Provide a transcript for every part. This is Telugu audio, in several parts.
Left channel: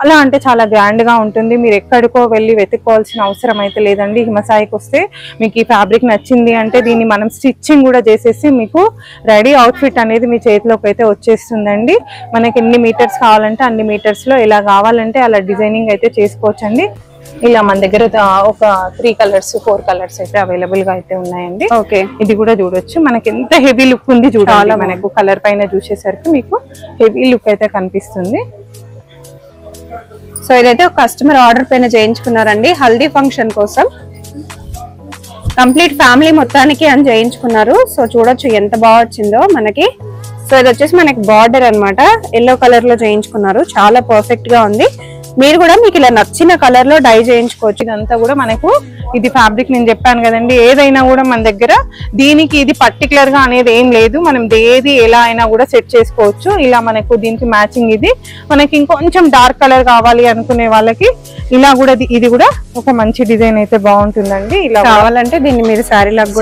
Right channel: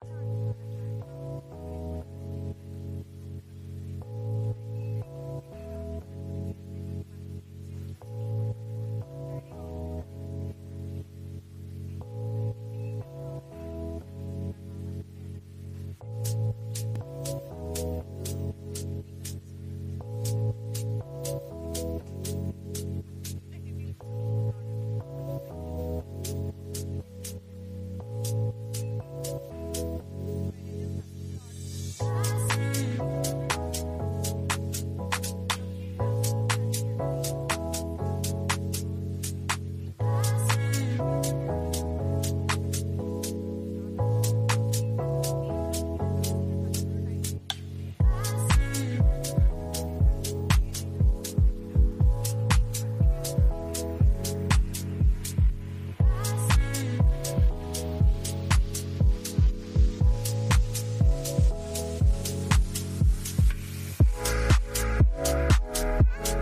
చాలా అంటే చాలా గ్రాండ్ గా ఉంటుంది. మీరు ఎక్కడికో వెళ్ళి వెతుక్కోవాల్సిన అవసరం అయితే లేదండి. హిమసాయికి వస్తే మీకు ఈ ఫ్యాబ్రిక్ నచ్చింది అంటే దీన్ని మనం స్టిచ్చింగ్ కూడా చేసేసి మీకు రెడీ అవుట్ఫిట్ అనేది మీ చేతిలోకి అయితే వచ్చేస్తుందండి. మనకి ఎన్ని మీటర్స్ కావాలంటే అన్ని మీటర్స్ లో ఎలా కావాలంటే అలా డిజైనింగ్ అయితే చేసుకోవచ్చండి. ఇలా మన దగ్గర ఒక 3 కలర్స్ 4 కలర్స్ అయితే అవైలబుల్ గా అయితే ఉన్నాయండి. ఓకే, ఇది కూడా చూడొచ్చు. మనకి ఎంత హెవీ లుక్ ఉంది చూడాలి. మనకు కలర్ పైన చూసేసరికి మీకు హెవీ లుక్ అయితే కనిపిస్తుంది. సో ఇదైతే ఒక కస్టమర్ ఆర్డర్ పైన చేయించుకున్నారండి, హల్దీ ఫంక్షన్ కోసం. కంప్లీట్ ఫ్యామిలీ మొత్తానికి అని చేయించుకున్నారు. సో చూడొచ్చు ఎంత బాగా వచ్చిందో మనకి. సో ఇది వచ్చేసి మనకి బార్డర్ అన్నమాట, ఎల్లో కలర్ లో చేయించుకున్నారు. చాలా పర్ఫెక్ట్ గా ఉంది. మీరు కూడా మీకు ఇలా నచ్చిన కలర్ లో డై చేయించుకోవచ్చు. ఇదంతా కూడా మనకు ఇది ఫ్యాబ్రిక్ నేను చెప్పాను కదండి, ఏదైనా కూడా మన దగ్గర దీనికి ఇది పర్టికులర్ గా అనేది ఏం లేదు. మనం ఏది ఎలా అయినా కూడా సెట్ చేసుకోవచ్చు. ఇలా మనకు దీనికి మ్యాచింగ్ ఇది. మనకి ఇంకొంచెం డార్క్ కలర్ కావాలి అనుకునే వాళ్ళకి ఇలా కూడా ఇది కూడా ఒక మంచి డిజైన్ అయితే బాగుంటుందండి. ఇలా కావాలంటే దీన్ని మీరు శారీ లాగా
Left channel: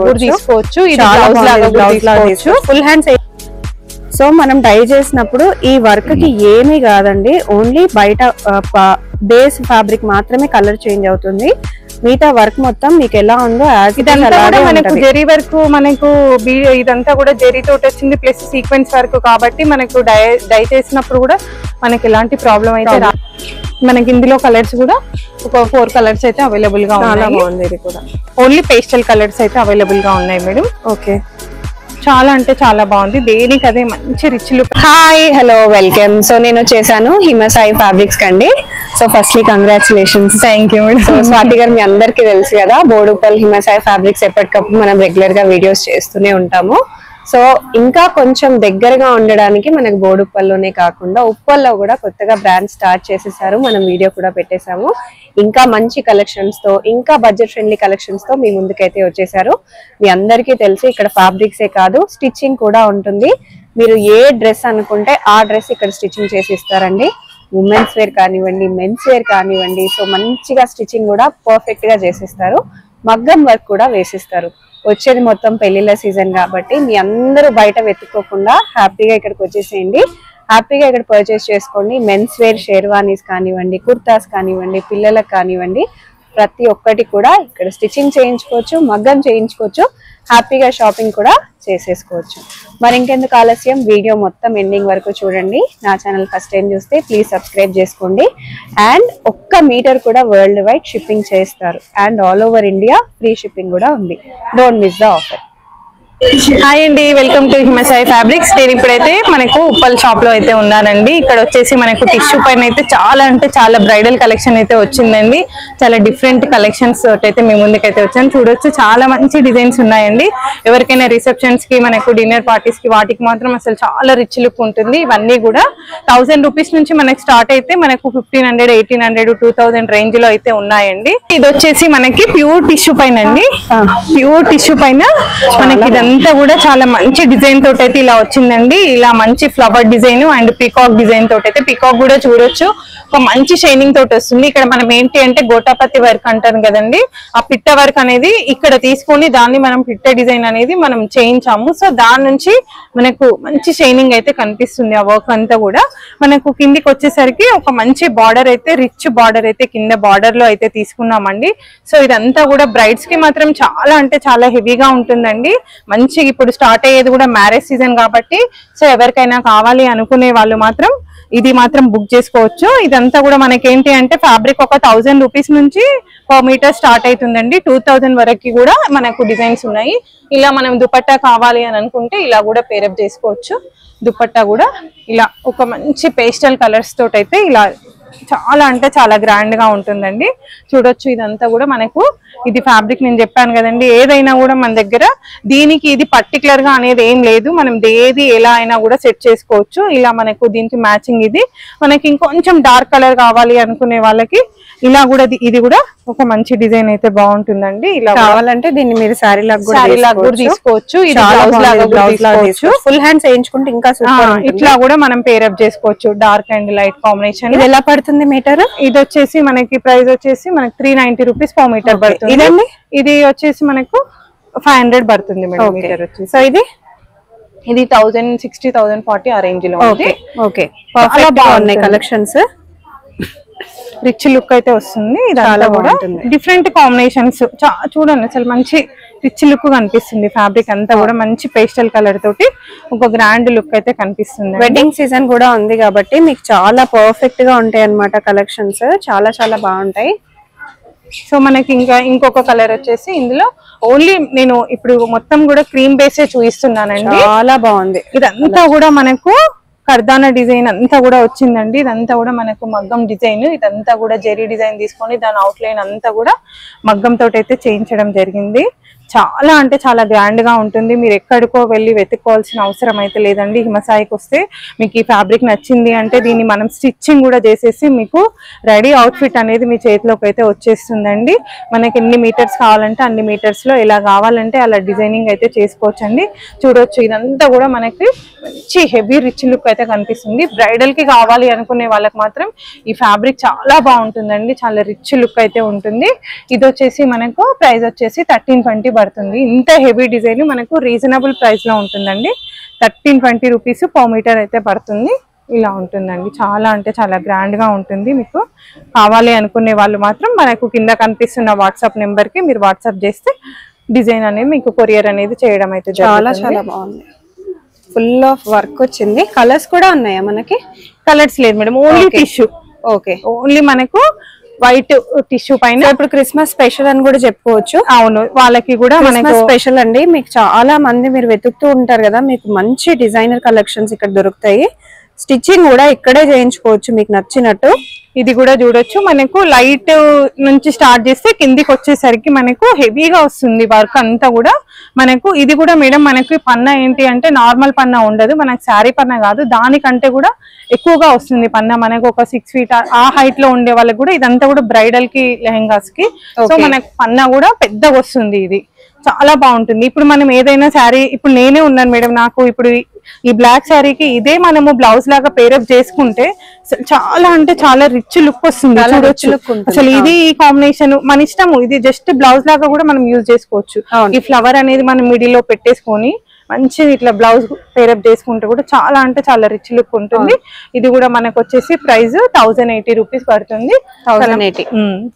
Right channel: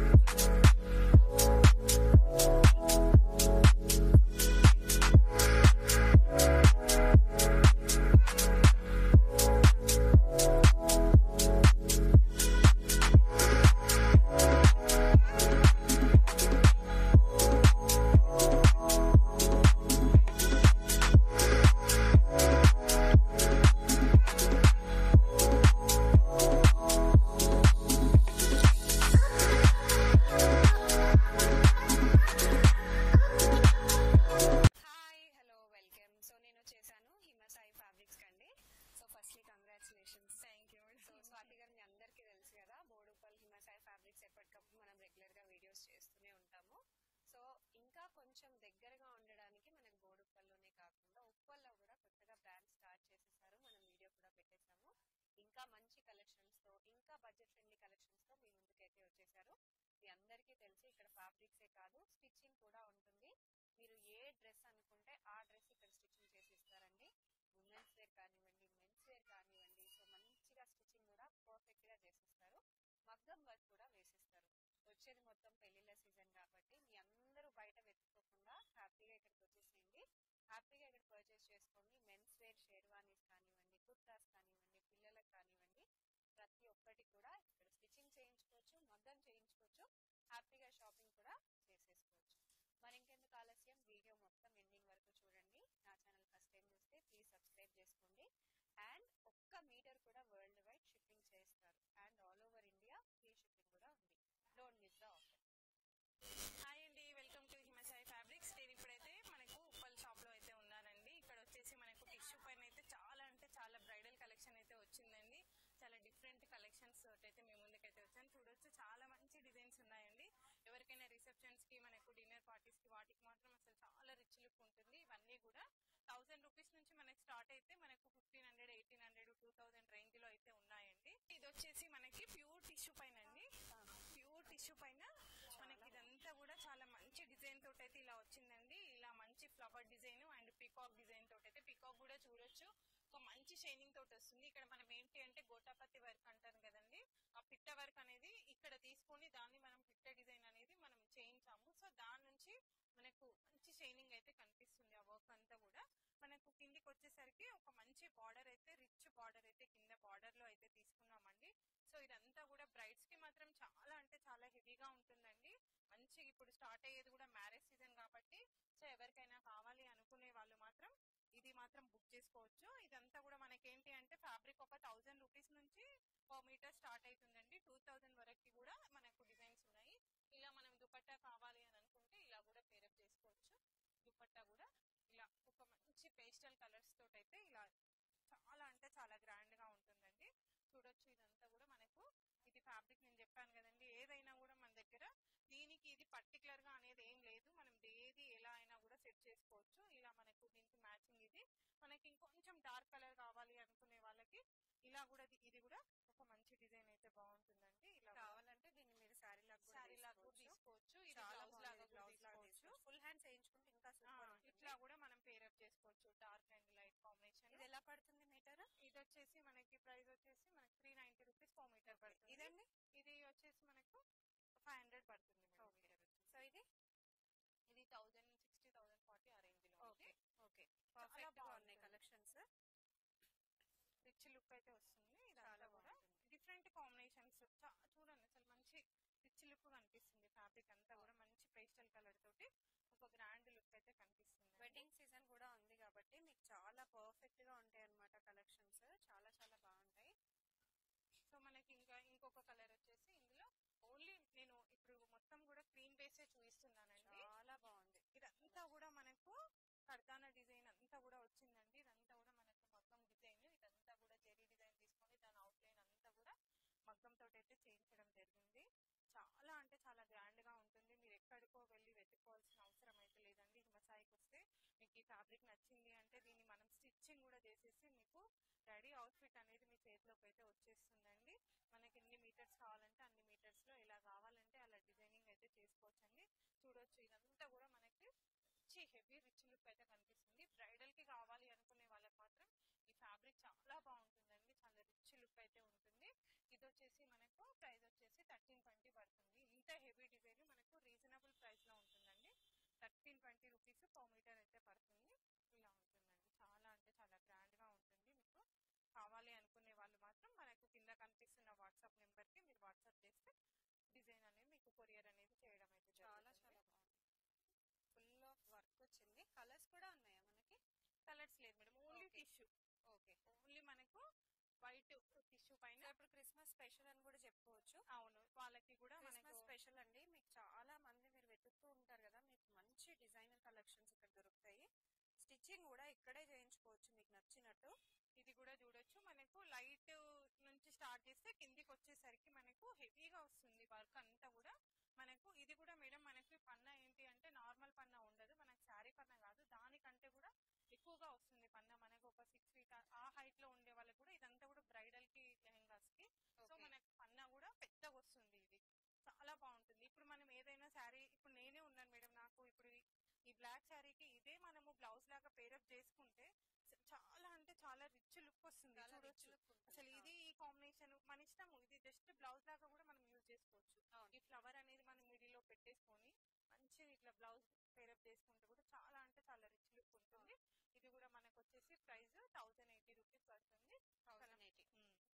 కూడా తీసుకోవచ్చు. ఇది బ్లౌజ్ లాగా తీసుకోవచ్చు. Full hands. సో మనం డై చేసినప్పుడు ఈ వర్క్ కి ఏమీ కాదండి, ఓన్లీ బయట బేస్ ఫ్యాబ్రిక్ మాత్రమే కలర్ చేంజ్ అవుతుంది. మిగతా వర్క్ మొత్తం మీకు ఎలా ఉందో మనకు జెరీ వర్క్, మనకు ఇదంతా కూడా జెరీ తోటి వచ్చింది ప్లస్ సీక్వెన్స్ వర్క్ కాబట్టి మనకు డై చేసినప్పుడు కూడా మనకి ఎలాంటి ప్రాబ్లం అయితే మనకి ఇందులో కలర్స్ కూడా ఒక 4 కలర్స్ అయితే అవైలబుల్ గా ఉన్నాయి. ఇది కూడా ఓన్లీ పేస్టల్ కలర్స్ అయితే అవైలబుల్ గా ఉన్నాయి మేడం. ఓకే, చాలా అంటే చాలా బాగుంది. దేనికి అదే మంచి rich look. Hi, hello, welcome. So నేను వచ్చేసాను హిమసాయి ఫ్యాబ్రిక్స్ కండి. So firstly congratulations. Thank you. So Swathi గారు, మీ అందరికీ తెలుసు కదా, బోడుప్పల్ హిమసాయి ఫ్యాబ్రిక్స్ ఎప్పటికప్పుడు మనం రెగ్యులర్ గా వీడియోస్ చేస్తూనే ఉంటాము. సో ఇంకా కొంచెం దగ్గరగా ఉండడానికి మనకు బోడుప్పల్లోనే కాకుండా ఉప్పల్లో కూడా కొత్తగా బ్రాండ్ స్టార్ట్ చేసేసారు. మనం వీడియో కూడా పెట్టేశాము. ఇంకా మంచి కలెక్షన్స్ తో, ఇంకా బడ్జెట్ ఫ్రెండ్లీ కలెక్షన్స్ తో మీ ముందుకైతే వచ్చేసారు. మీ అందరికీ తెలుసు ఇక్కడ ఫ్యాబ్రిక్సే కాదు స్టిచ్చింగ్ కూడా ఉంటుంది. మీరు ఏ డ్రెస్ అనుకుంటే ఆ డ్రెస్ ఇక్కడ స్టిచ్చింగ్ చేసి ఇస్తారండి. ఉమెన్స్ వేర్ కానివ్వండి, మెన్స్ వేర్ కానివ్వండి. సో మంచిగా స్టిచ్చింగ్ కూడా పర్ఫెక్ట్ గా చేసిస్తారు. మగ్గం వర్క్ కూడా వేసిస్తారు. వచ్చేది మొత్తం పెళ్లిళ్ళ సీజన్ కాబట్టి మీ అందరూ బయట వెతుక్కోకుండా హ్యాపీగా ఇక్కడికి వచ్చేసేయండి. హ్యాపీగా ఇక్కడ పర్చేస్ చేసుకోండి. మెన్స్ వేర్ షేర్వానీస్ కానివ్వండి, కుర్తాస్ కానివ్వండి, పిల్లలకు కానివ్వండి, ప్రతి ఒక్కటి కూడా ఇక్కడ స్టిచ్చింగ్ చేయించుకోవచ్చు, మగ్గం చేయించుకోవచ్చు, హ్యాపీగా షాపింగ్ కూడా చేసేసుకోవచ్చు. మరి ఇంకెందుకు ఆలస్యం, వీడియో మొత్తం ఎండింగ్ వరకు చూడండి. నా ఛానల్ ఫస్ట్ టైం చూస్తే ప్లీజ్ సబ్స్క్రైబ్ చేసుకోండి. అండ్ 1 మీటర్ కూడా వరల్డ్ వైడ్ షిప్పింగ్ చేస్తారు. And all over India free shipping కూడా ఉంది. Don't miss the offer. Hi అండి, వెల్కమ్ టు హిమసాయి ఫ్యాబ్రిక్స్. నేను ఇప్పుడైతే మనకు ఉప్పల్ షాప్ లో అయితే ఉన్నానండి. ఇక్కడ వచ్చేసి మనకు టిష్యూ పైన అయితే చాలా అంటే చాలా బ్రైడల్ కలెక్షన్ అయితే వచ్చిందండి. చాలా డిఫరెంట్ కలెక్షన్స్ అయితే మీ ముందుకైతే వచ్చాను. చూడొచ్చు, చాలా మంచి డిజైన్స్ ఉన్నాయండి. ఎవరికైనా రిసెప్షన్స్ కి, మనకు డిన్నర్ పార్టీస్ కి, వాటికి మాత్రం అసలు చాలా రిచ్ లుక్ ఉంటుంది. ఇవన్నీ కూడా 1000 రూపీస్ నుంచి మనకి స్టార్ట్ అయితే మనకు 1500, 1800, 2000 రేంజ్ లో అయితే ఉన్నాయండి. ఇది వచ్చేసి మనకి ప్యూర్ టిష్యూ పైన అండి. ప్యూర్ టిష్యూ పైన మనకి ఇదంతా కూడా చాలా మంచి డిజైన్ తోటి అయితే ఇలా వచ్చిందండి. ఇలా మంచి flower design and peacock design తోటి అయితే, పీకాక్ కూడా చూడొచ్చు, ఒక మంచి షైనింగ్ తోటి వస్తుంది. ఇక్కడ మనం ఏంటి అంటే గోటాపతి వర్క్ అంటారు కదండి, ఆ పిట్ట వర్క్ అనేది ఇక్కడ తీసుకొని దాన్ని మనం పిట్ట డిజైన్ అనేది మనం చేయించాము. సో దాని నుంచి మనకు మంచి షైనింగ్ అయితే కనిపిస్తుంది. ఆ వర్క్ అంతా కూడా మనకు కిందికి వచ్చేసరికి ఒక మంచి బార్డర్ అయితే, రిచ్ బార్డర్ అయితే కింద బార్డర్ లో అయితే తీసుకున్నామండి. సో ఇదంతా కూడా బ్రైడ్స్ కి మాత్రం చాలా అంటే చాలా హెవీగా ఉంటుందండి. మంచి ఇప్పుడు స్టార్ట్ అయ్యేది కూడా మ్యారేజ్ సీజన్ కాబట్టి, సో ఎవరికైనా కావాలి అనుకునే వాళ్ళు మాత్రం ఇది మాత్రం బుక్ చేసుకోవచ్చు. ఇదంతా కూడా మనకి ఏంటి అంటే ఫ్యాబ్రిక్ ఒక 1000 రూపీస్ నుంచి పర్ మీటర్ స్టార్ట్ అవుతుందండి. 2000 వరకు కూడా మనకు డిజైన్స్ ఉన్నాయి. ఇలా మనం దుపట్టా కావాలి అని అనుకుంటే ఇలా కూడా పేరప్ చేసుకోవచ్చు. దుపట్టా కూడా ఇలా ఒక మంచి పేస్టల్ కలర్స్ తోటి అయితే ఇలా చాలా అంటే చాలా గ్రాండ్ గా ఉంటుందండి. చూడొచ్చు, ఇదంతా కూడా మనకు ఇది ఫ్యాబ్రిక్ నేను చెప్పాను కదండి, ఏదైనా కూడా మన దగ్గర దీనికి ఇది పర్టికులర్ గా అనేది ఏం లేదు. మనం ఏది ఎలా అయినా కూడా సెట్ చేసుకోవచ్చు. ఇలా మనకు దీనికి మ్యాచింగ్ ఇది. మనకి ఇంకొంచెం డార్క్ కలర్ కావాలి అనుకునే వాళ్ళకి ఇలా కూడా ఇది కూడా ఒక మంచి డిజైన్ అయితే బాగుంటుందండి. ఇలా కావాలంటే దీన్ని మీరు శారీ లాగా కూడా తీసుకోవచ్చు. ఇది బ్లౌజ్ లాగా తీసుకోవచ్చు. ఫుల్ హ్యాండ్స్ వేయించుకుంటే ఇంకా ఇట్లా కూడా మనం పేరప్ చేసుకోవచ్చు. Dark and light combination. ఇది ఎలా పడుతుంది మీటర్? ఇది వచ్చేసి మనకి ప్రైస్ వచ్చేసి మనకి 390 రూపీస్ పర్ మీటర్ పడుతుంది. ఇదండి, ఇది వచ్చేసి మనకు 500 పడుతుంది మేడం మీటర్ వచ్చేసి. సో ఇది 1060, 1040 ఆ రేంజ్ లో ఉంది. ఓకే, చాలా బాగున్నాయి కలెక్షన్స్. రిచ్ లుక్ అయితే వస్తుంది. ఇదంతా కూడా డిఫరెంట్ కాంబినేషన్స్ చూడండి, అసలు మంచి రిచ్ లుక్ కనిపిస్తుంది. ఫ్యాబ్రిక్ అంతా కూడా మంచి పేస్టల్ కలర్ తోటి ఒక గ్రాండ్ లుక్ అయితే కనిపిస్తుంది. వెడ్డింగ్ సీజన్ కూడా ఉంది కాబట్టి మీకు చాలా పర్ఫెక్ట్ గా ఉంటాయి అన్నమాట కలెక్షన్స్. చాలా చాలా బాగుంటాయి. సో మనకి ఇంకొక కలర్ వచ్చేసి ఇందులో ఓన్లీ నేను ఇప్పుడు మొత్తం కూడా క్రీమ్ బేసే చూపిస్తున్నానండి. చాలా బాగుంది. ఇదంతా కూడా మనకు కర్దానా డిజైన్ అంతా కూడా వచ్చిందండి. ఇదంతా కూడా మనకు మగ్గం డిజైన్. ఇదంతా కూడా జెరీ డిజైన్ తీసుకొని దాని అవుట్ లైన్ అంతా కూడా మగ్గం తోటి అయితే చేయించడం జరిగింది. చాలా అంటే చాలా గ్రాండ్ గా ఉంటుంది. మీరు ఎక్కడికో వెళ్ళి వెతుక్కోవాల్సిన అవసరం అయితే లేదండి. హిమసాయికి వస్తే మీకు ఈ ఫ్యాబ్రిక్ నచ్చింది అంటే దీన్ని మనం స్టిచ్చింగ్ కూడా చేసేసి మీకు రెడీ అవుట్ఫిట్ అనేది మీ చేతిలోకి అయితే వచ్చేస్తుందండి. మనకి ఎన్ని మీటర్స్ కావాలంటే అన్ని మీటర్స్ లో ఎలా కావాలంటే అలా డిజైనింగ్ అయితే చేసుకోవచ్చండి. చూడొచ్చు, ఇదంతా కూడా మనకి మంచి హెవీ రిచ్ లుక్ అయితే కనిపిస్తుంది. బ్రైడల్ కి కావాలి అనుకునే వాళ్ళకి మాత్రం ఈ ఫ్యాబ్రిక్ చాలా బాగుంటుందండి. చాలా రిచ్ లుక్ అయితే ఉంటుంది. ఇది వచ్చేసి మనకు ప్రైస్ వచ్చేసి 1320 పడుతుంది. ఇంత హెవీ డిజైన్ మనకు రీజనబుల్ ప్రైస్ లో ఉంటుందండి. 1320 రూపీస్ పర్ మీటర్ అయితే పడుతుంది. ఇలా ఉంటుందండి. చాలా అంటే చాలా గ్రాండ్ గా ఉంటుంది. మీకు కావాలి అనుకునే వాళ్ళు మాత్రం మనకు కింద కనిపిస్తున్న వాట్సాప్ నెంబర్ కి మీరు వాట్సాప్ చేస్తే డిజైన్ అనేది మీకు కొరియర్ అనేది చేయడం అయితే చాలా చాలా బాగుంది. ఫుల్ ఆఫ్ వర్క్ వచ్చింది. కలర్స్ కూడా ఉన్నాయా మనకి? కలర్స్ లేదు madam, only tissue. Okay, only మనకు వైట్ టిష్యూ పైన. ఇప్పుడు క్రిస్మస్ స్పెషల్ అని కూడా చెప్పుకోవచ్చు. అవును, వాళ్ళకి కూడా మనకు స్పెషల్ అండి. మీకు చాలా మంది మీరు వెతుకుతూ ఉంటారు కదా, మీకు మంచి డిజైనర్ కలెక్షన్స్ ఇక్కడ దొరుకుతాయి. స్టిచ్చింగ్ కూడా ఇక్కడే చేయించుకోవచ్చు మీకు నచ్చినట్టు. ఇది కూడా చూడొచ్చు, మనకు లైట్ నుంచి స్టార్ట్ చేస్తే కిందికి వచ్చేసరికి మనకు హెవీగా వస్తుంది వర్క్ అంతా కూడా. మనకు ఇది కూడా మేడం మనకి పన్నా ఏంటి అంటే నార్మల్ పన్నా ఉండదు, మనకు శారీ పన్నా కాదు, దానికంటే కూడా ఎక్కువగా వస్తుంది పన్నా. మనకు ఒక 6 feet ఆ హైట్ లో ఉండే వాళ్ళకి కూడా ఇదంతా కూడా బ్రైడల్ కి లెహెంగాస్ కి. సో మనకు పన్నా కూడా పెద్దగా వస్తుంది. ఇది చాలా బాగుంటుంది. ఇప్పుడు మనం ఏదైనా శారీ, ఇప్పుడు నేనే ఉన్నాను మేడం, నాకు ఇప్పుడు ఈ బ్లాక్ శారీకి ఇదే మనము బ్లౌజ్ లాగా పేరప్ చేసుకుంటే చాలా అంటే చాలా రిచ్ లుక్ వస్తుంది. అసలు ఇది ఈ కాంబినేషన్ మన ఇష్టము. ఇది జస్ట్ బ్లౌజ్ లాగా కూడా మనం యూజ్ చేసుకోవచ్చు. ఈ ఫ్లవర్ అనేది మనం మిడిల్ లో పెట్టేసుకొని మంచిది ఇట్లా బ్లౌజ్ పేరప్ చేసుకుంటే కూడా చాలా అంటే చాలా రిచ్ లుక్ ఉంటుంది. ఇది కూడా మనకు వచ్చేసి ప్రైస్ 1080 రూపీస్ పడుతుంది. 1080.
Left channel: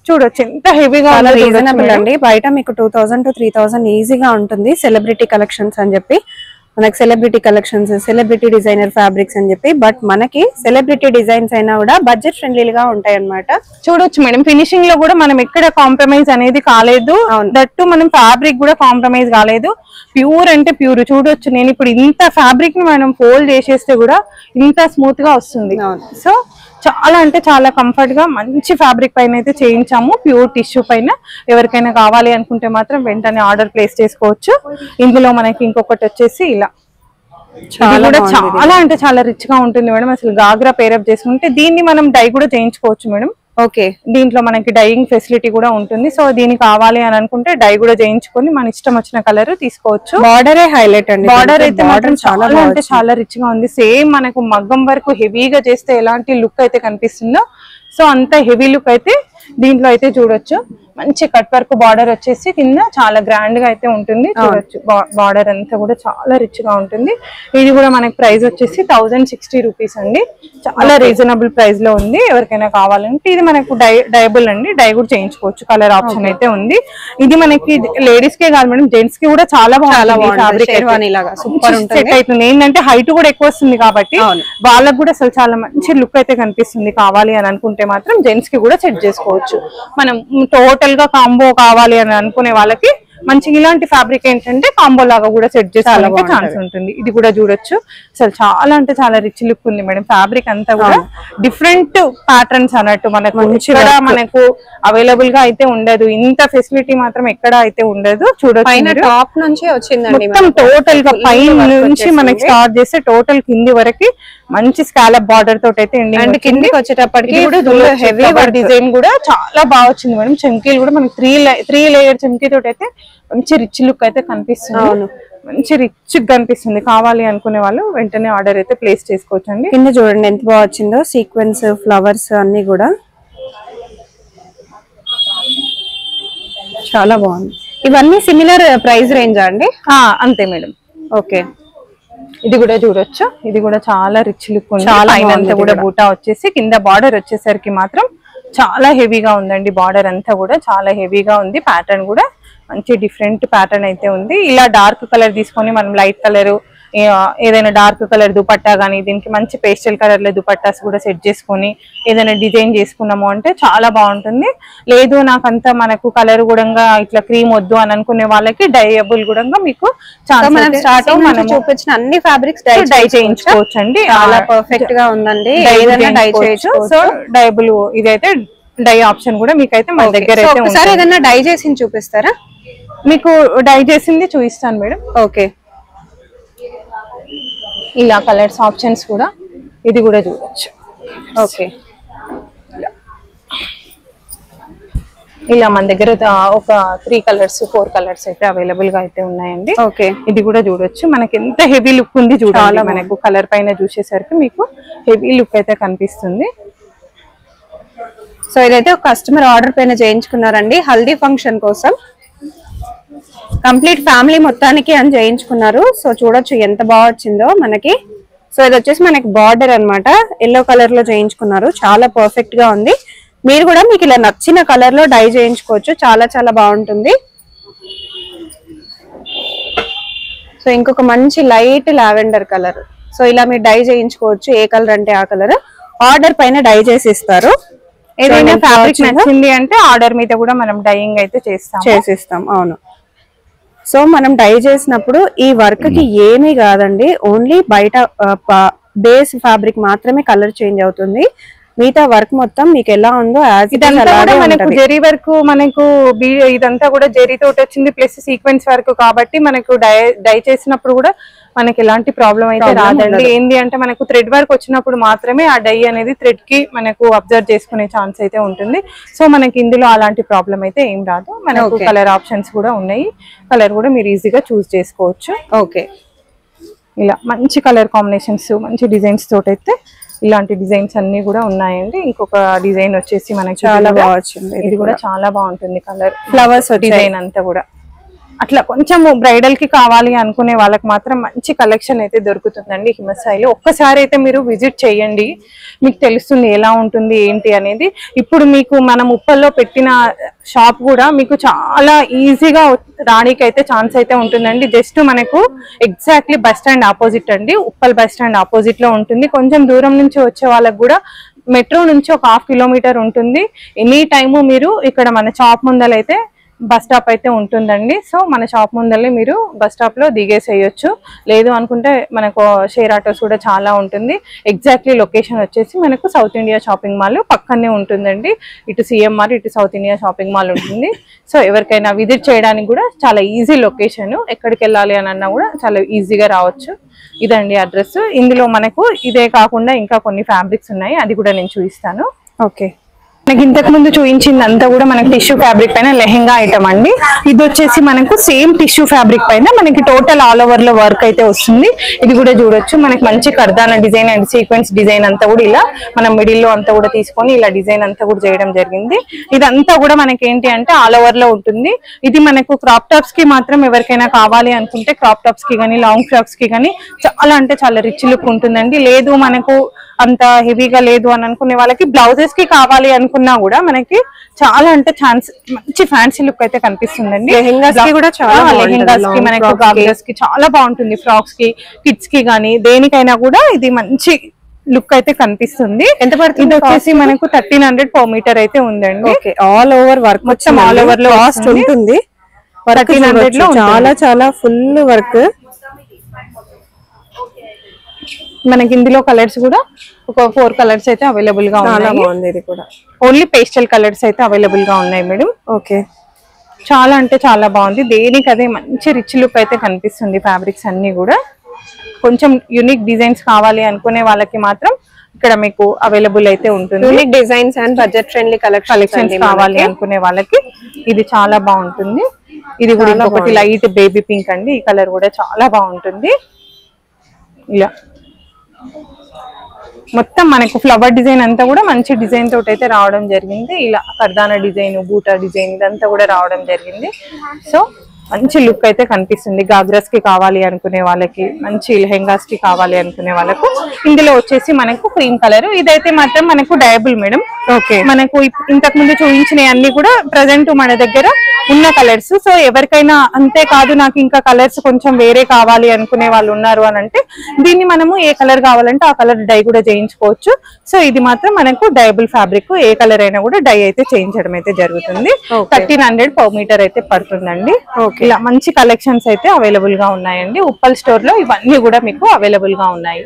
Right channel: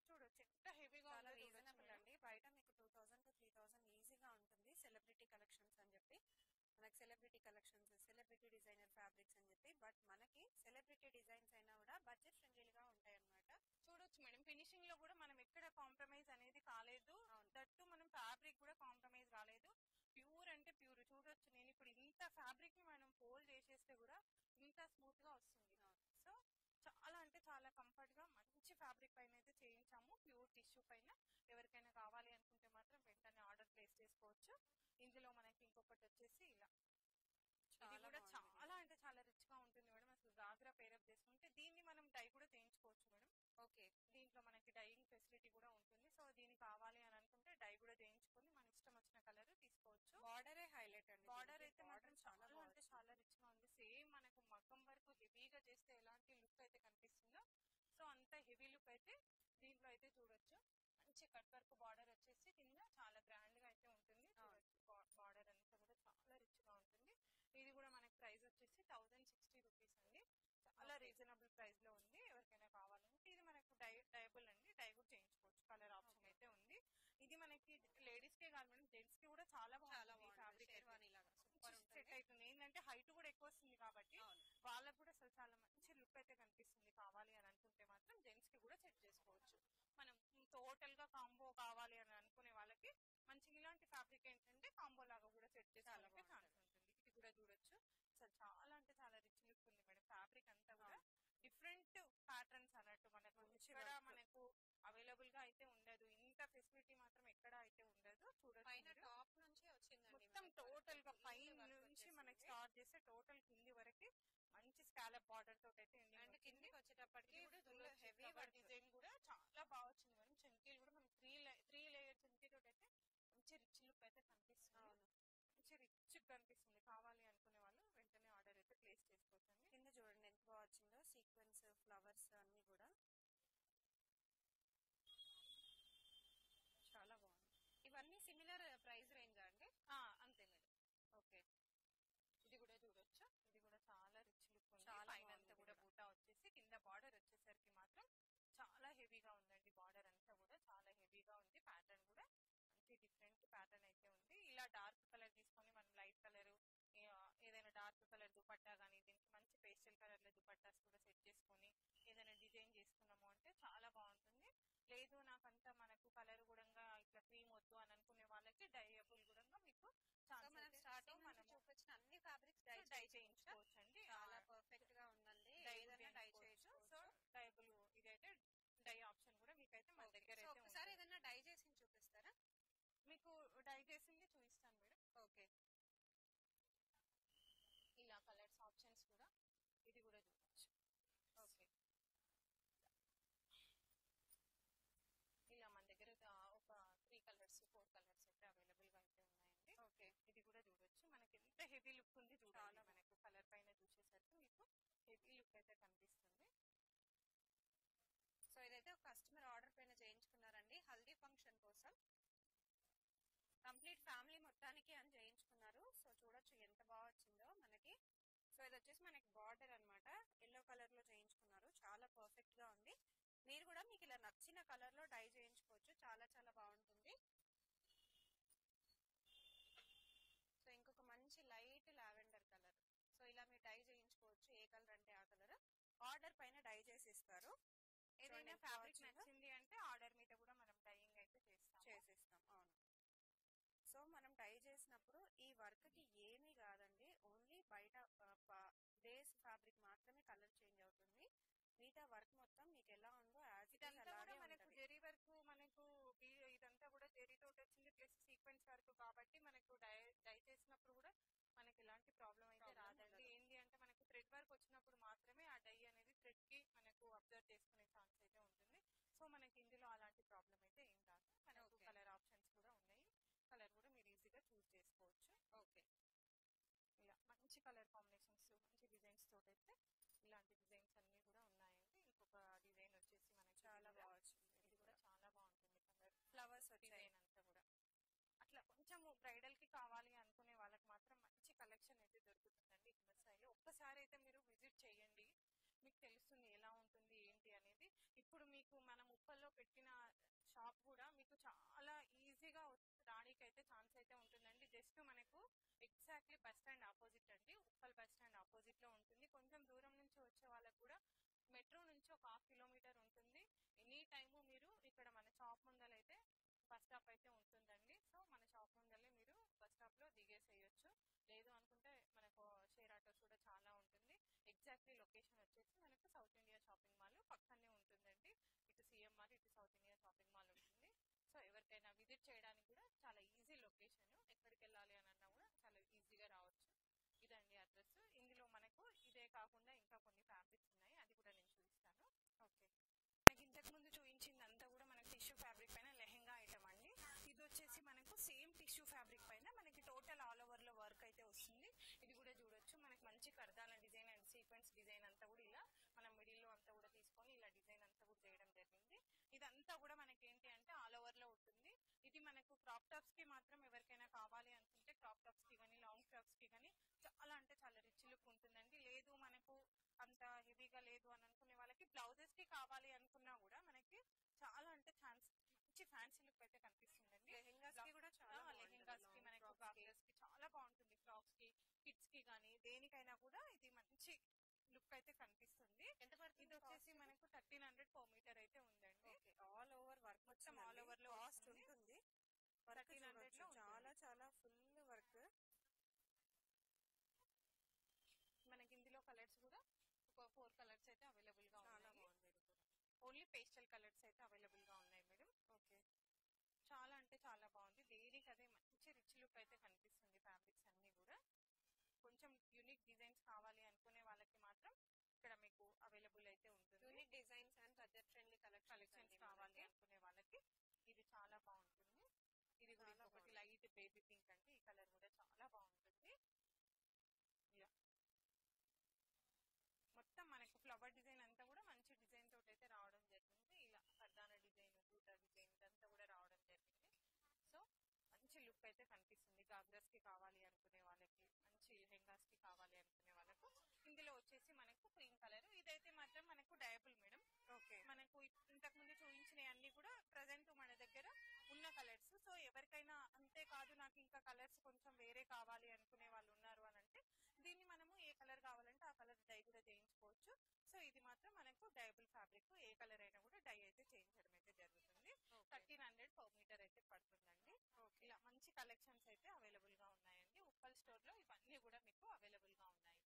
చూడొచ్చు ఎంత హెవీగా రీజనబుల్ అండి. బయట మీకు 2000 to 3000 ఈజీగా ఉంటుంది. సెలబ్రిటీ కలెక్షన్స్ అని చెప్పి మనకి celebrity collections, celebrity designer fabrics అని చెప్పి, బట్ మనకి సెలబ్రిటీ డిజైన్స్ అయినా కూడా బడ్జెట్ ఫ్రెండ్లీగా ఉంటాయి అన్నమాట. చూడొచ్చు మేడం, ఫినిషింగ్ లో కూడా మనం ఎక్కడ కాంప్రమైజ్ అనేది కాలేదు. దట్టు మనం ఫ్యాబ్రిక్ కూడా కాంప్రమైజ్ కాలేదు. ప్యూర్ అంటే ప్యూర్. చూడొచ్చు, నేను ఇప్పుడు ఇంత ఫ్యాబ్రిక్ ని మనం ఫోల్డ్ చేసేస్తే కూడా ఇంత స్మూత్ గా వస్తుంది. సో చాలా అంటే చాలా కంఫర్ట్ గా మంచి ఫ్యాబ్రిక్ పైన అయితే చేయించాము. ప్యూర్ టిష్యూ పైన ఎవరికైనా కావాలి అనుకుంటే మాత్రం వెంటనే ఆర్డర్ ప్లేస్ చేసుకోవచ్చు. ఇందులో మనకి ఇంకొకటి వచ్చేసి ఇలా చాలా అంటే చాలా రిచ్ గా ఉంటుంది మేడం. అసలు గాగ్రా పేరప్ చేసుకుంటే దీన్ని మనం డై కూడా చేయించుకోవచ్చు మేడం. ఓకే, దీంట్లో మనకి డైయింగ్ ఫెసిలిటీ కూడా ఉంటుంది. సో దీనికి కావాలి అని అనుకుంటే డై కూడా చేయించుకొని మన ఇష్టం వచ్చిన కలర్ తీసుకోవచ్చు. బార్డరే హైలైట్ అండి. బార్డర్ అయితే మాత్రం చాలా అంటే చాలా రిచ్ గా ఉంది. సేమ్ మనకు మగ్గం వరకు హెవీగా చేస్తే ఎలాంటి లుక్ అయితే కనిపిస్తుందో సో అంత హెవీ లుక్ అయితే దీంట్లో అయితే చూడొచ్చు. మంచి కట్ వర్క్ బార్డర్ వచ్చేసి కింద చాలా గ్రాండ్ గా అయితే ఉంటుంది. చూడొచ్చు, బార్డర్ అంతా కూడా చాలా రిచ్ గా ఉంటుంది. ఇది కూడా మనకి ప్రైస్ వచ్చేసి 1060 రూపీస్ అండి. చాలా రీజనబుల్ ప్రైస్ లో ఉంది. ఎవరికైనా కావాలంటే ఇది మనకు డైబుల్ అండి, డై కూడా చేయించుకోవచ్చు. కలర్ ఆప్షన్ అయితే ఉంది. ఇది మనకి లేడీస్ కే కాదు మేడం, జెంట్స్ కి కూడా చాలా బాగుంటుంది. ఫ్యాబ్రిక్ సెట్ అవుతుంది. ఏంటంటే హైట్ కూడా ఎక్కువ వస్తుంది కాబట్టి వాళ్ళకి కూడా అసలు చాలా మంచి లుక్ అయితే కనిపిస్తుంది. కావాలి అని అనుకుంటే మాత్రం జెంట్స్ కి కూడా సెట్ చేసుకోవచ్చు. మనం టోటల్ గా కాంబో కావాలి అని అనుకునే వాళ్ళకి మంచి ఇలాంటి ఫ్యాబ్రిక్ ఏంటంటే కాంబో లాగా కూడా సెట్ చేసుకోవడానికి ఛాన్స్ ఉంటుంది. ఇది కూడా చూడొచ్చు, అసలు చాలా అంటే చాలా రిచ్ లుక్ ఉంది మేడం. ఫ్యాబ్రిక్ అంతా కూడా డిఫరెంట్ ప్యాటర్న్స్ అన్నట్టు మనకు మనకు అవైలబుల్ గా అయితే ఉండదు. ఇంత ఫెసిలిటీ మాత్రం ఎక్కడ అయితే ఉండదు. చూడొచ్చు, టాప్ నుంచి వచ్చిందండి మొత్తం టోటల్ గా పైన నుంచి మనకి స్టార్ట్ చేస్తే టోటల్ కింది వరకు మంచి స్కాలప్ బార్డర్ తోటి అయితే అండ్ కిందికి వచ్చేటప్పటికి హెవీ డిజైన్ కూడా చాలా బాగా వచ్చింది మేడం. చంకీలు కూడా మనకి 3 లేయర్ చంకీ తోటి అయితే మంచి రిచ్ లుక్ అయితే కనిపిస్తుంది. మంచి రిచ్ కనిపిస్తుంది. కావాలి అనుకునే వాళ్ళు వెంటనే ఆర్డర్ అయితే ప్లేస్ చేసుకోవచ్చు అండి. కింద చూడండి ఎంత బాగా వచ్చిందో, సీక్వెన్స్ ఫ్లవర్స్ అన్ని కూడా చాలా బాగుంది. ఇవన్నీ సిమిలర్ ప్రైస్ రేంజ్ అండి? అంతే మేడం. ఓకే, ఇది కూడా చూడొచ్చు, ఇది కూడా చాలా రిచ్ లుక్ ఉంది. చాలా పైన అంతా కూడా బూటా వచ్చేసి కింద బార్డర్ వచ్చేసరికి మాత్రం చాలా హెవీగా ఉందండి. బార్డర్ అంతా కూడా చాలా హెవీగా ఉంది. ప్యాటర్న్ కూడా మంచి డిఫరెంట్ ప్యాటర్న్ అయితే ఉంది. ఇలా డార్క్ కలర్ తీసుకొని మనం లైట్ కలర్ ఏదైనా డార్క్ కలర్ దుపట్టా కానీ దీనికి మంచి పేస్టల్ కలర్ లో దుపట్టాస్ కూడా సెట్ చేసుకొని ఏదైనా డిజైన్ చేసుకున్నాము అంటే చాలా బాగుంటుంది. లేదు నాకంతా మనకు కలర్ కూడా ఇట్లా క్రీమ్ వద్దు అని అనుకునే వాళ్ళకి డైయబుల్ కూడా మీకు చూపించిన అన్ని ఫ్యాబ్రిక్స్ డై చేయించుకోవచ్చు అండి. చాలా పర్ఫెక్ట్ గా ఉందండి. డై చేయొచ్చు. సో డైబుల్ ఇదైతే డై ఆప్షన్ కూడా మీకైతే మన దగ్గర అయితే ఒకసారి ఏదైనా డై చేసి చూపిస్తారా? మీకు డై చేసింది చూపిస్తాను మేడం. ఓకే, ఇలా కలర్స్ ఆప్షన్స్ కూడా ఇది కూడా చూడొచ్చు. ఓకే, ఇలా మన దగ్గర ఒక 3 కలర్స్ 4 కలర్స్ అయితే అవైలబుల్ గా అయితే ఉన్నాయండి. ఓకే, ఇది కూడా చూడొచ్చు. మనకి ఎంత హెవీ లుక్ ఉంది చూడాలి. మనకు కలర్ పైన చూసేసరికి మీకు హెవీ లుక్ అయితే కనిపిస్తుంది. సో ఇదైతే ఒక కస్టమర్ ఆర్డర్ పైన చేయించుకున్నారండి, హల్దీ ఫంక్షన్ కోసం. కంప్లీట్ ఫ్యామిలీ మొత్తానికి అని చేయించుకున్నారు. సో చూడొచ్చు ఎంత బాగా వచ్చిందో మనకి. సో ఇది వచ్చేసి మనకి బార్డర్ అన్నమాట, ఎల్లో కలర్ లో చేయించుకున్నారు. చాలా పర్ఫెక్ట్ గా ఉంది. మీరు కూడా మీకు ఇలా నచ్చిన కలర్ లో డై చేయించుకోవచ్చు. చాలా చాలా బాగుంటుంది. సో ఇంకొక మంచి లైట్ లావెండర్ కలర్. సో ఇలా మీరు డై చేయించుకోవచ్చు. ఏ కలర్ అంటే ఆ కలర్ ఆర్డర్ పైన డై చేసి ఇస్తారు. ఏదైనా ఫ్యాబ్రిక్ నచ్చింది అంటే ఆర్డర్ మీద కూడా మనం డైయింగ్ అయితే చేసిస్తాం. అవును. సో మనం డై చేసినప్పుడు ఈ వర్క్ కి ఏమీ కాదండి, ఓన్లీ బయట బేస్ ఫ్యాబ్రిక్ మాత్రమే కలర్ చేంజ్ అవుతుంది. మిగతా వర్క్ మొత్తం మీకు ఎలా ఉందో మనకు జెరీ వర్క్, మనకు ఇదంతా కూడా జెరీ తోటి వచ్చింది ప్లస్ సీక్వెన్స్ వర్క్ కాబట్టి మనకు డై చేసినప్పుడు కూడా మనకి ఎలాంటి ప్రాబ్లం అయితే రాదండి. ఏంది అంటే మనకు థ్రెడ్ వర్క్ వచ్చినప్పుడు మాత్రమే ఆ డై అనేది థ్రెడ్ కి మనకు అబ్జర్వ్ చేసుకునే ఛాన్స్ అయితే ఉంటుంది. సో మనకి ఇందులో అలాంటి ప్రాబ్లం అయితే ఏం రాదు. మనకు కలర్ ఆప్షన్స్ కూడా ఉన్నాయి. కలర్ కూడా మీరు ఈజీగా చూస్ చేసుకోవచ్చు. ఓకే, ఇలా మంచి కలర్ కాంబినేషన్స్ మంచి డిజైన్స్ తోటి అయితే ఇలాంటి డిజైన్స్ అన్ని కూడా ఉన్నాయండి. ఇంకొక డిజైన్ వచ్చేసి మనకి చాలా బాగుంది. ఇది కూడా చాలా బాగుంటుంది. కలర్ ఫ్లవర్స్ డిజైన్ అంతా కూడా అట్లా కొంచెం బ్రైడల్ కి కావాలి అనుకునే వాళ్ళకి మాత్రం మంచి కలెక్షన్ అయితే దొరుకుతుందండి హిమసాయిలో. ఒక్కసారి అయితే మీరు విజిట్ చేయండి, మీకు తెలుస్తుంది ఎలా ఉంటుంది ఏంటి అనేది. ఇప్పుడు మీకు మనం ఉప్పల్లో పెట్టిన షాప్ కూడా మీకు చాలా ఈజీగా రానికి అయితే ఛాన్స్ అయితే ఉంటుందండి. జస్ట్ మనకు ఎగ్జాక్ట్లీ బస్ స్టాండ్ ఆపోజిట్ అండి, ఉప్పల్ బస్ స్టాండ్ ఆపోజిట్ లో ఉంటుంది. కొంచెం దూరం నుంచి వచ్చే వాళ్ళకి కూడా మెట్రో నుంచి ఒక 1/2 కిలోమీటర్ ఉంటుంది. ఎనీ టైము మీరు ఇక్కడ మన షాప్ ముందలైతే బస్ స్టాప్ అయితే ఉంటుందండి. సో మన షాప్ ముందరే మీరు బస్ స్టాప్ లో దిగేసేయచ్చు. లేదు అనుకుంటే మనకు షేర్ ఆటోస్ కూడా చాలా ఉంటుంది. ఎగ్జాక్ట్లీ లొకేషన్ వచ్చేసి మనకు సౌత్ ఇండియా షాపింగ్ మాల్ పక్కనే ఉంటుందండి. ఇటు సిఎంఆర్ ఇటు సౌత్ ఇండియా షాపింగ్ మాల్ ఉంటుంది. సో ఎవరికైనా విజిట్ చేయడానికి కూడా చాలా ఈజీ లొకేషన్. ఎక్కడికి వెళ్ళాలి అని అన్నా కూడా చాలా ఈజీగా రావచ్చు. ఇదండి అడ్రస్. ఇందులో మనకు ఇదే కాకుండా ఇంకా కొన్ని ఫ్యాబ్రిక్స్ ఉన్నాయి, అది కూడా నేను చూపిస్తాను. ఓకే, మనకి ఇంతకు ముందు చూపించింది అంతా కూడా మనకి టిష్యూ ఫ్యాబ్రిక్ పైన లెహెంగా ఐటమ్ అండి. ఇది వచ్చేసి మనకు సేమ్ టిష్యూ ఫ్యాబ్రిక్ పైన మనకి టోటల్ ఆల్ ఓవర్ లో వర్క్ అయితే వస్తుంది. ఇది కూడా చూడొచ్చు. మనకి మంచి కర్దానా డిజైన్ అండ్ సీక్వెన్స్ డిజైన్ అంతా కూడా ఇలా మనం మిడిల్ లో అంతా కూడా తీసుకొని ఇలా డిజైన్ అంతా కూడా చేయడం జరిగింది. ఇదంతా కూడా మనకి ఏంటి అంటే ఆల్ ఓవర్ లో ఉంటుంది. ఇది మనకు క్రాప్ టాప్స్ కి మాత్రం ఎవరికైనా కావాలి అనుకుంటే క్రాప్ టాప్స్ కి కానీ లాంగ్ ఫ్రాక్స్ కి కానీ చాలా అంటే చాలా రిచ్ లుక్ ఉంటుందండి. లేదు మనకు అంత హెవీగా లేదు అని అనుకునే వాళ్ళకి బ్లౌజెస్ కి కావాలి అనుకున్నా కూడా మనకి చాలా అంటే మంచి ఫ్యాన్సీ లుక్ అయితే కనిపిస్తుందండి. లెహెంగాస్ కి కూడా చాలా లెహెంగాస్ కి మనకు గాగ్రాస్ కి చాలా బాగుంటుంది. ఫ్రాక్స్ కి కిడ్స్ కి కానీ దేనికైనా కూడా ఇది మంచి లుక్ అయితే కనిపిస్తుంది. ఎంత పడుతుంది? ఇది వచ్చేసి మనకు 1300 per మీటర్ అయితే ఉందండి. ఆల్ ఓవర్ వర్క్ మొత్తం ఆల్ ఓవర్ లో కాస్ట్ ఉంటుంది. 1300 లో చాలా చాలా ఫుల్ వర్క్. మనకి ఇందులో కలర్స్ కూడా ఒక 4 కలర్స్ అయితే అవైలబుల్ గా ఉన్నాయి. ఇది కూడా ఓన్లీ పేస్టల్ కలర్స్ అయితే అవైలబుల్ గా ఉన్నాయి మేడం. ఓకే, చాలా అంటే చాలా బాగుంది. దేనికి అదే మంచి రిచ్ లుక్ అయితే కనిపిస్తుంది. ఫ్యాబ్రిక్స్ అన్ని కూడా కొంచెం యూనిక్ డిజైన్స్ కావాలి అనుకునే వాళ్ళకి మాత్రం ఇక్కడ మీకు అవైలబుల్ అయితే ఉంటుంది. Unique designs and budget friendly collections కావాలి అనుకునే వాళ్ళకి ఇది చాలా బాగుంటుంది. ఇది కూడా ఇంకొకటి లైట్ బేబీ పింక్ అండి. ఈ కలర్ కూడా చాలా బాగుంటుంది. ఇలా మొత్తం మనకు ఫ్లవర్ డిజైన్ అంతా కూడా మంచి డిజైన్ తోటి అయితే రావడం జరిగింది. ఇలా కర్దానా డిజైన్ బూటా డిజైన్ ఇదంతా కూడా రావడం జరిగింది. సో మంచి లుక్ అయితే కనిపిస్తుంది. గాగ్రాస్ కి కావాలి అనుకునే వాళ్ళకి, మంచి లెహెంగాస్ కి కావాలి అనుకునే వాళ్ళకు ఇందులో వచ్చేసి మనకు క్రీమ్ కలర్. ఇదైతే మాత్రం మనకు డయబుల్ మేడం. ఓకే, మనకు ఇంతకు ముందు చూపించిన అన్ని కూడా ప్రజెంట్ మన దగ్గర ఉన్న కలర్స్. సో ఎవరికైనా అంతే కాదు నాకు ఇంకా కలర్స్ కొంచెం వేరే కావాలి అనుకునే వాళ్ళు ఉన్నారు అని అంటే దీన్ని మనము ఏ కలర్ కావాలంటే ఆ కలర్ డై కూడా చేయించుకోవచ్చు. సో ఇది మాత్రం మనకు డయబుల్ ఫ్యాబ్రిక్, ఏ కలర్ అయినా కూడా డై అయితే చేయించడం అయితే జరుగుతుంది. 1300 per మీటర్ అయితే పడుతుందండి. ఇలా మంచి కలెక్షన్స్ అయితే అవైలబుల్ గా ఉన్నాయండి ఉప్పల్ స్టోర్ లో. ఇవన్నీ కూడా మీకు అవైలబుల్ గా ఉన్నాయి.